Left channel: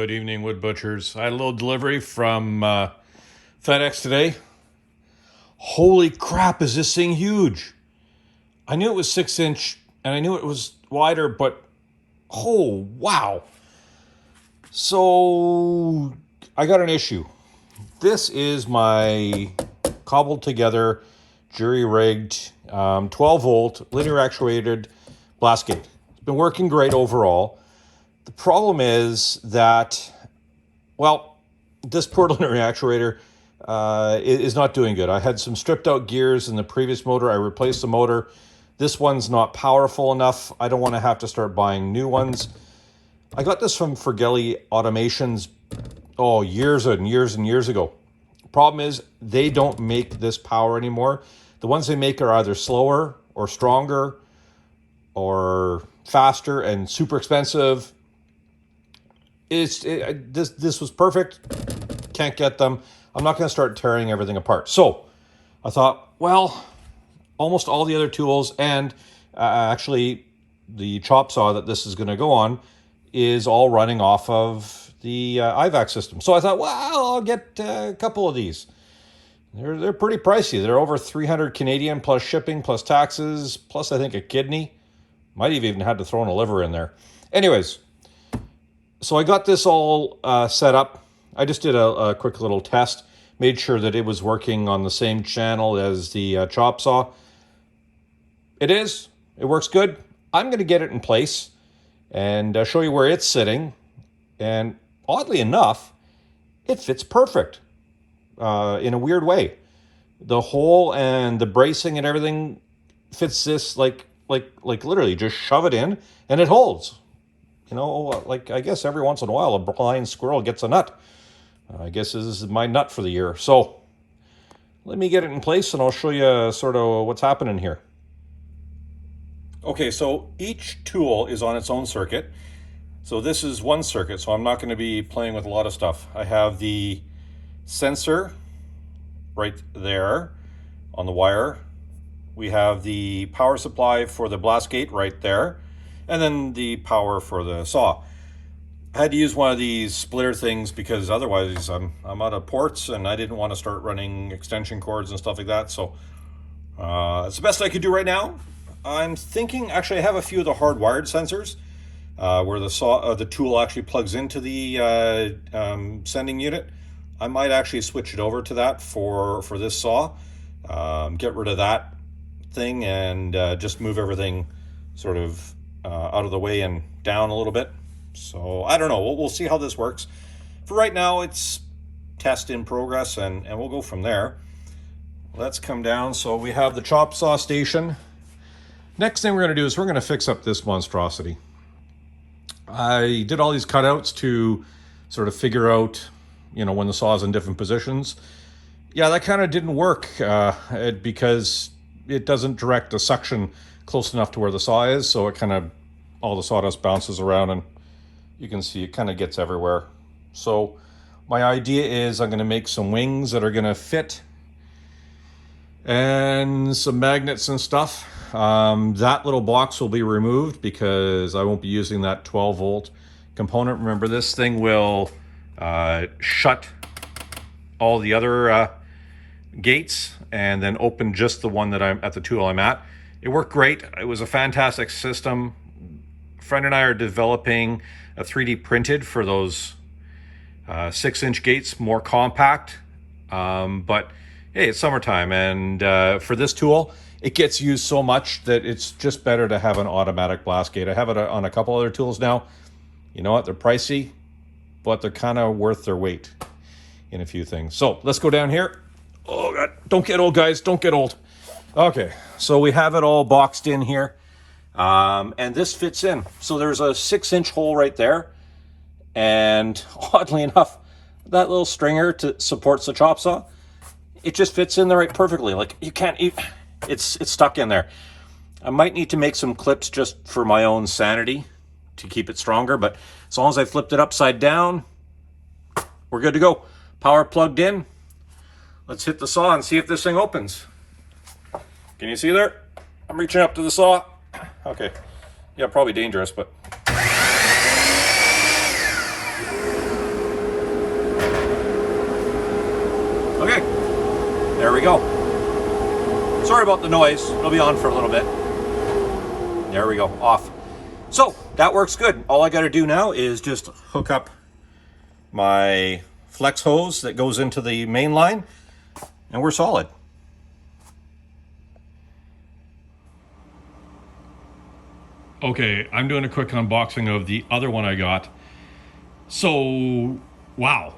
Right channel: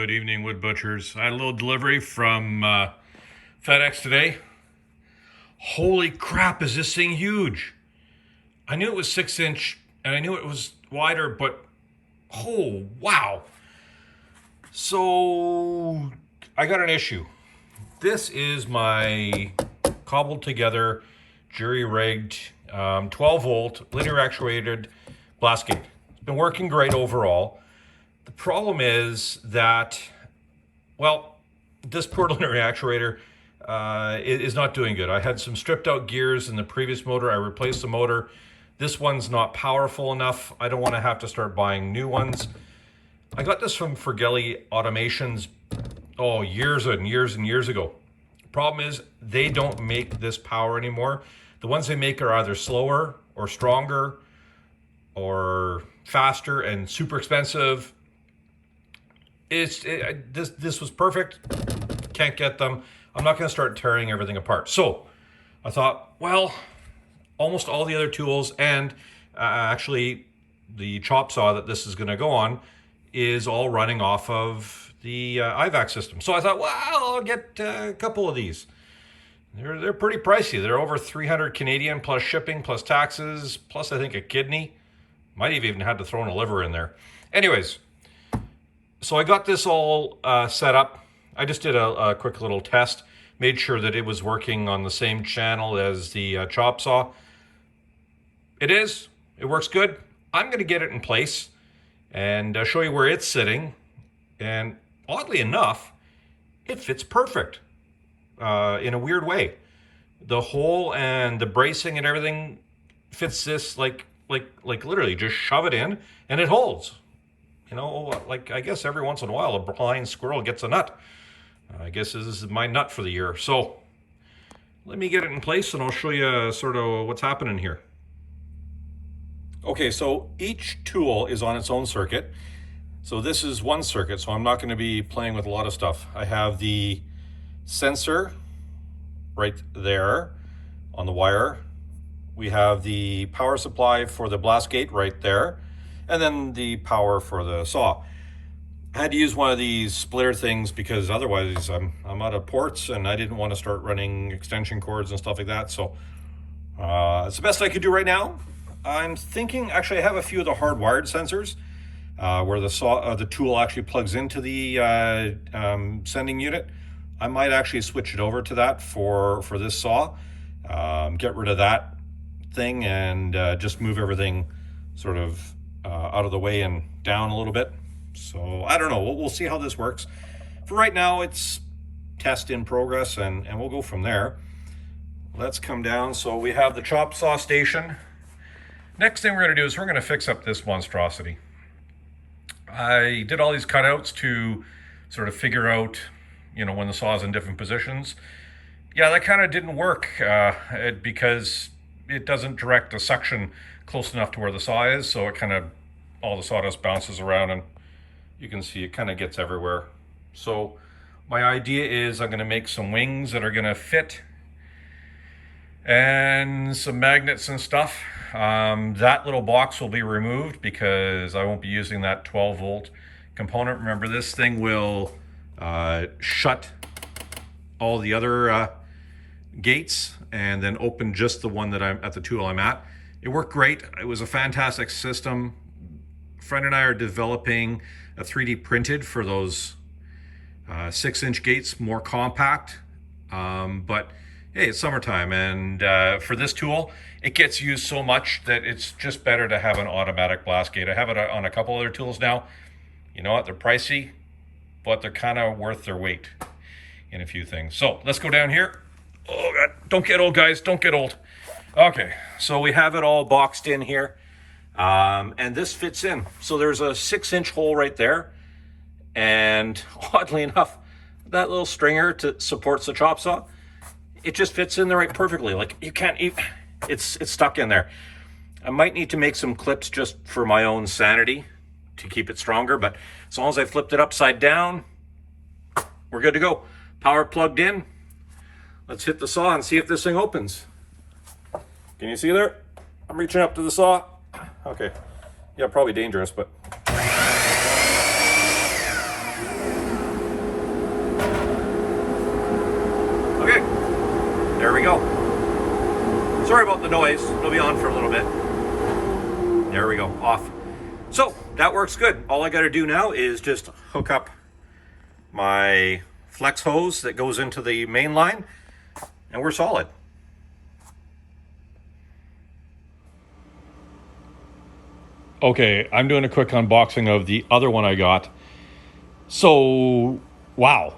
Good evening, wood butchers. I had a little delivery from FedEx today. Holy crap, is this thing huge? I knew it was 6-inch and I knew it was wider, but oh, wow. So I got an issue. This is my cobbled together, jury-rigged, 12-volt, linear actuated blast gate. It's been working great overall. The problem is that, well, this poor linear actuator is not doing good. I had some stripped out gears in the previous motor. I replaced the motor. This one's not powerful enough. I don't want to have to start buying new ones. I got this from Forgelli Automations, years and years ago. Problem is, they don't make this power anymore. The ones they make are either slower or stronger or faster and super expensive. This was perfect. Can't get them. I'm not going to start tearing everything apart. So I thought, well, almost all the other tools and actually the chop saw that this is going to go on is all running off of the IVAC system. So I thought, well, I'll get a couple of these. They're pretty pricey. They're over 300 Canadian plus shipping, plus taxes, plus I think a kidney. Might have even had to throw in a liver in there. Anyways, so I got this all set up. I just did a quick little test, made sure that it was working on the same channel as the chop saw. It works good. I'm going to get it in place and show you where it's sitting. And oddly enough, it fits perfect in a weird way. The hole and the bracing and everything fits this like literally just shove it in and it holds. You know, like I guess every once in a while a blind squirrel gets a nut. I guess this is my nut for the year. So let me get it in place and I'll show you sort of what's happening here. Okay, so each tool is on its own circuit. So this is one circuit, so I'm not going to be playing with a lot of stuff. I have the sensor right there on the wire. We have the power supply for the blast gate right there. And then the power for the saw. I had to use one of these splitter things because otherwise I'm out of ports and I didn't want to start running extension cords and stuff like that. So it's the best I could do right now. I'm thinking, actually I have a few of the hardwired sensors where the tool actually plugs into the sending unit. I might actually switch it over to that for this saw. Get rid of that thing and just move everything sort of out of the way and down a little bit. So I don't know, we'll see how this works. For right now, it's test in progress and we'll go from there. Let's come down. So we have the chop saw station. Next thing we're going to do is we're going to fix up this monstrosity. I did all these cutouts to sort of figure out, you know, when the saw is in different positions. Yeah, that kind of didn't work because it doesn't direct the suction close enough to where the saw is, so it kind of, all the sawdust bounces around and you can see it kind of gets everywhere. So my idea is I'm going to make some wings that are going to fit and some magnets and stuff. That little box will be removed because I won't be using that 12-volt component. Remember, this thing will shut all the other gates and then open just the one that I'm at, the tool I'm at. It worked great. It was a fantastic system. A friend and I are developing a 3D printed for those 6-inch gates, more compact. But hey, it's summertime, and for this tool, it gets used so much that it's just better to have an automatic blast gate. I have it on a couple other tools now. You know what? They're pricey, but they're kind of worth their weight in a few things. So let's go down here. Oh God, don't get old, guys. Don't get old. Okay, so we have it all boxed in here, and this fits in. So there's a 6-inch hole right there, and oddly enough, that little stringer supports the chop saw. It just fits in there right perfectly. Like you can't, it's stuck in there. I might need to make some clips just for my own sanity to keep it stronger, but as long as I flipped it upside down, we're good to go. Power plugged in. Let's hit the saw and see if this thing opens. Can you see there? I'm reaching up to the saw. Okay. Yeah, probably dangerous, but we go. Sorry about the noise. It'll be on for a little bit. There we go, off. So that works good. All I got to do now is just hook up my flex hose that goes into the main line, and we're solid. Okay, I'm doing a quick unboxing of the other one I got. So, wow.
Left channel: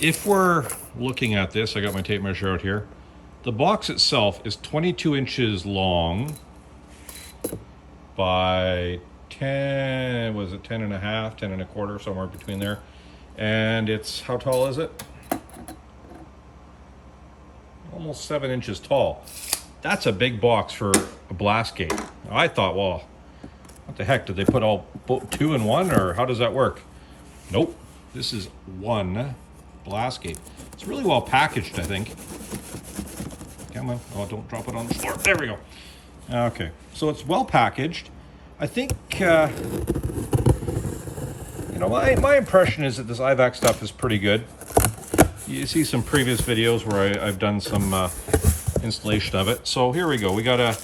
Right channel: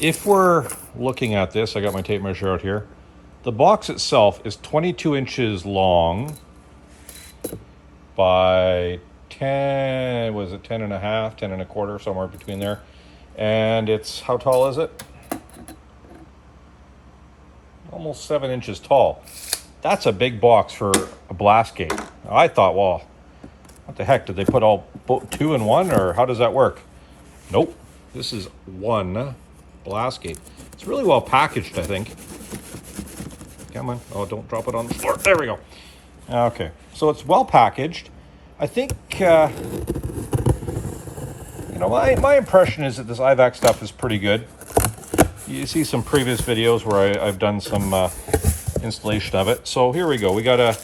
If we're looking at this, I got my tape measure out here. The box itself is 22 inches long by 10, was it 10 and a half, 10 and a quarter, somewhere between there. And it's, how tall is it? Almost 7 inches tall. That's a big box for a blast gate. I thought, well, what the heck, did they put all two in one, or how does that work? Nope, this is one blast gate. It's really well packaged, I think. Come on, oh, don't drop it on the floor. There we go. Okay, so it's well packaged. I think, you know, my impression is that this IVAC stuff is pretty good. You see some previous videos where I've done some installation of it. So here we go. We got a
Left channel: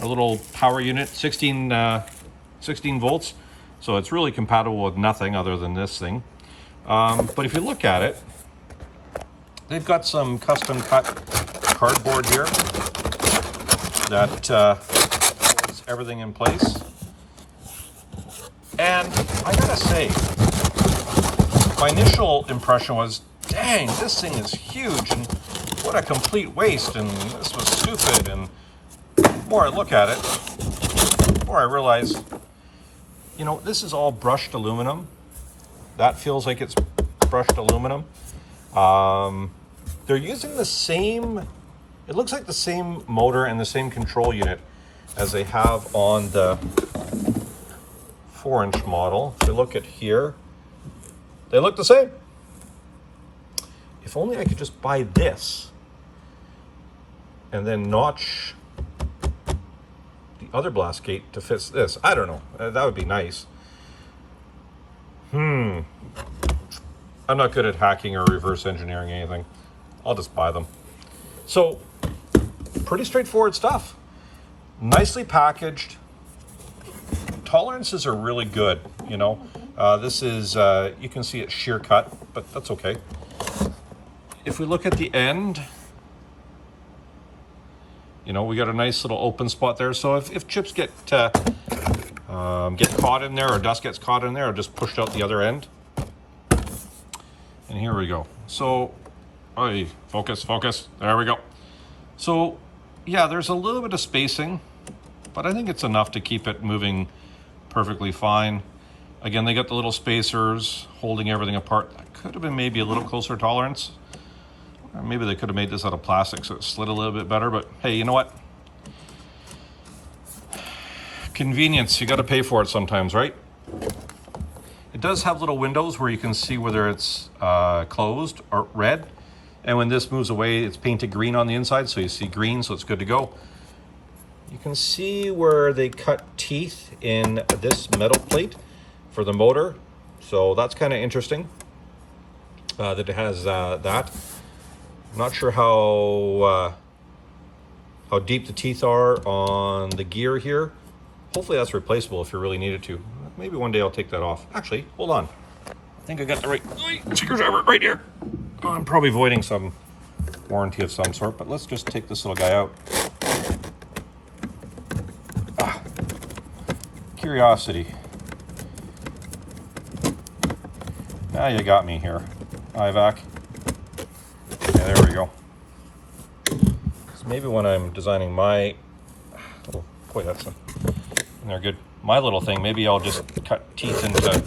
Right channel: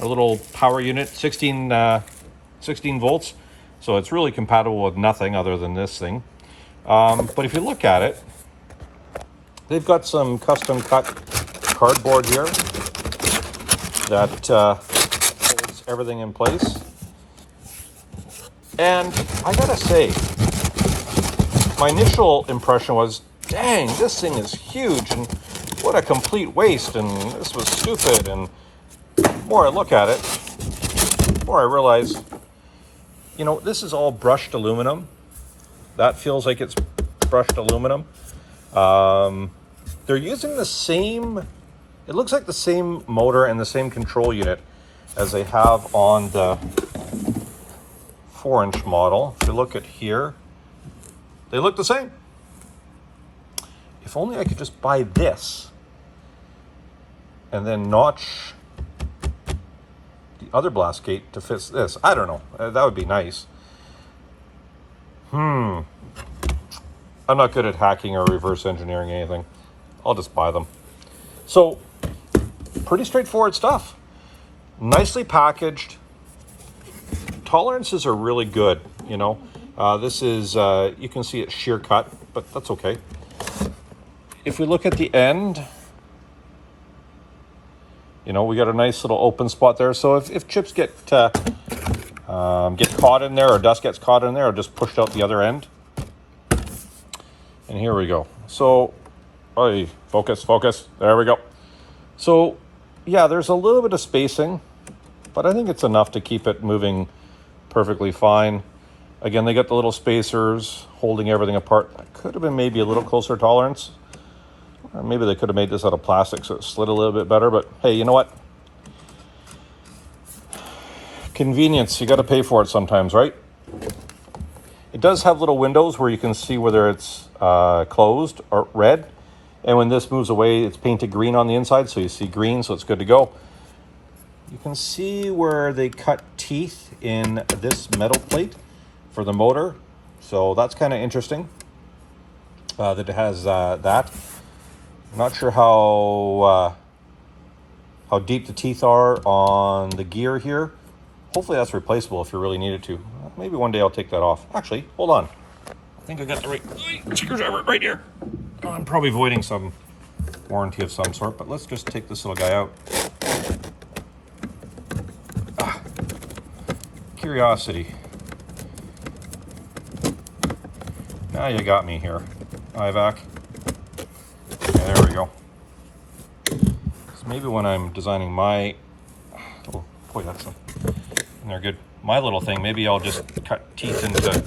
little power unit, 16 volts. So it's really compatible with nothing other than this thing. But if you look at it, they've got some custom cut cardboard here that holds everything in place. And I gotta say, my initial impression was, dang, this thing is huge and what a complete waste, and this was stupid. And the more I look at it, the more I realize, you know, this is all brushed aluminum. That feels like it's brushed aluminum. They're using the same, it looks like the same motor and the same control unit as they have on the 4-inch model. If you look at here, they look the same. If only I could just buy this and then notch the other blast gate to fit this. I don't know. That would be nice. I'm not good at hacking or reverse engineering anything. I'll just buy them. So, pretty straightforward stuff. Nicely packaged. Tolerances are really good, you know. This is, you can see it's shear cut, but that's okay. If we look at the end, you know, we got a nice little open spot there. So if chips get caught in there, or dust gets caught in there, or just pushed out the other end. And here we go. So, oh, focus. There we go. So, yeah, there's a little bit of spacing, but I think it's enough to keep it moving perfectly fine. Again, they got the little spacers holding everything apart. That could have been maybe a little closer tolerance. Or maybe they could have made this out of plastic so it slid a little bit better, but hey, you know what? Convenience, you got to pay for it sometimes, right? It does have little windows where you can see whether it's closed or red. And when this moves away, it's painted green on the inside, so you see green, so it's good to go. You can see where they cut teeth in this metal plate for the motor. So that's kind of interesting that it has that. I'm not sure how deep the teeth are on the gear here. Hopefully that's replaceable if you really need it to. Maybe one day I'll take that off. Actually, hold on. I think I got the right screwdriver right here. I'm probably voiding some warranty of some sort, but let's just take this little guy out. Curiosity. Now you got me here, IVAC. Yeah, there we go. So maybe when I'm designing my, oh boy, that's a, they're good. My little thing, maybe I'll just cut teeth into,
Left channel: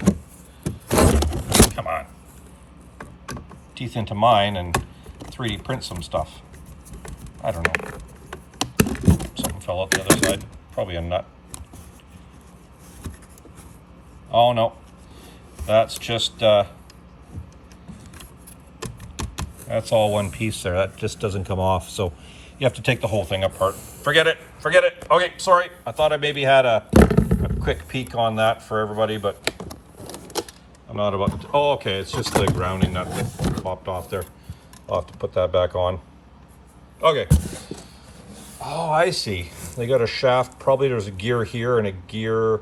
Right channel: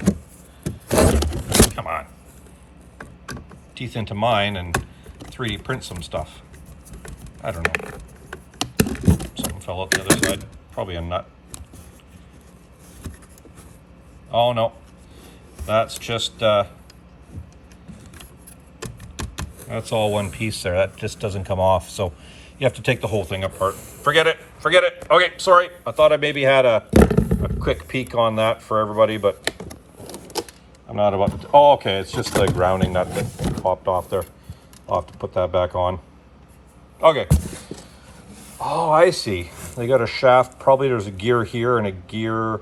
come on, teeth into mine and 3D print some stuff. I don't know. Something fell out the other side. Probably a nut. Oh no, that's just, that's all one piece there. That just doesn't come off. So you have to take the whole thing apart. Forget it. Okay, sorry. I thought I maybe had a quick peek on that for everybody, but I'm not about to. Oh, okay. It's just the grounding nut that popped off there. I'll have to put that back on. Okay. Oh, I see. They got a shaft. Probably there's a gear here and a gear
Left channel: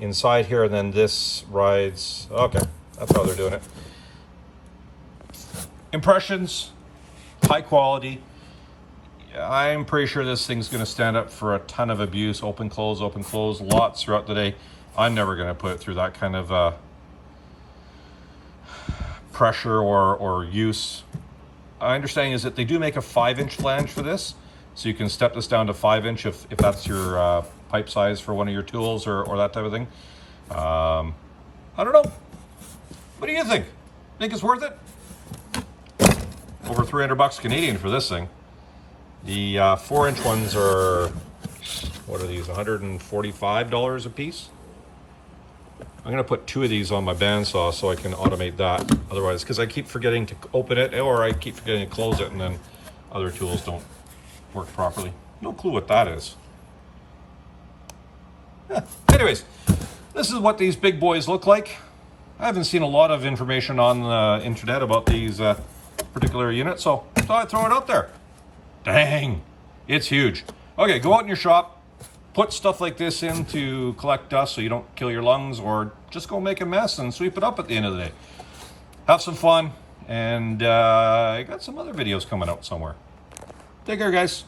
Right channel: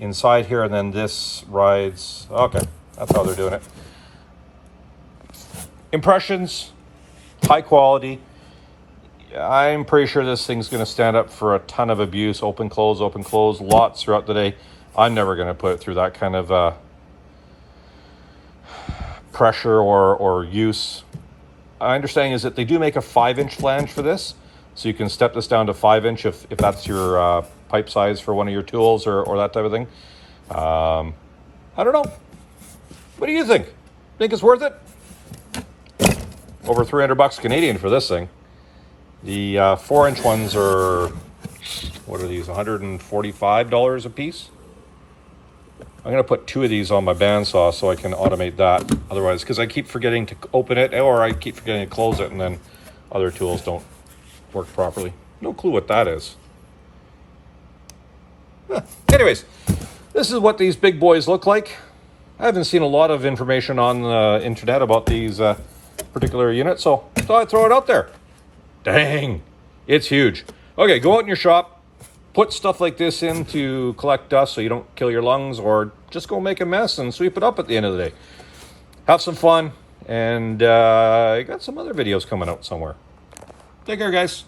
inside here, and then this rides. Okay, that's how they're doing it. Impressions, high quality. I'm pretty sure this thing's going to stand up for a ton of abuse. Open, close, lots throughout the day. I'm never going to put it through that kind of pressure or use. My understanding is that they do make a 5-inch flange for this, so you can step this down to 5-inch if that's your pipe size for one of your tools or that type of thing. I don't know. What do you think? Think it's worth it? Over 300 bucks Canadian for this thing. The 4-inch ones are, what are these, $145 a piece? I'm going to put 2 of these on my bandsaw so I can automate that. Otherwise, because I keep forgetting to open it, or I keep forgetting to close it, and then other tools don't work properly. No clue what that is. Anyways, this is what these big boys look like. I haven't seen a lot of information on the internet about these particular units, so I thought I'd throw it out there. Dang, it's huge. Okay, go out in your shop. Put stuff like this in to collect dust so you don't kill your lungs, or just go make a mess and sweep it up at the end of the day. Have some fun, and I got some other videos coming out somewhere. Take care, guys.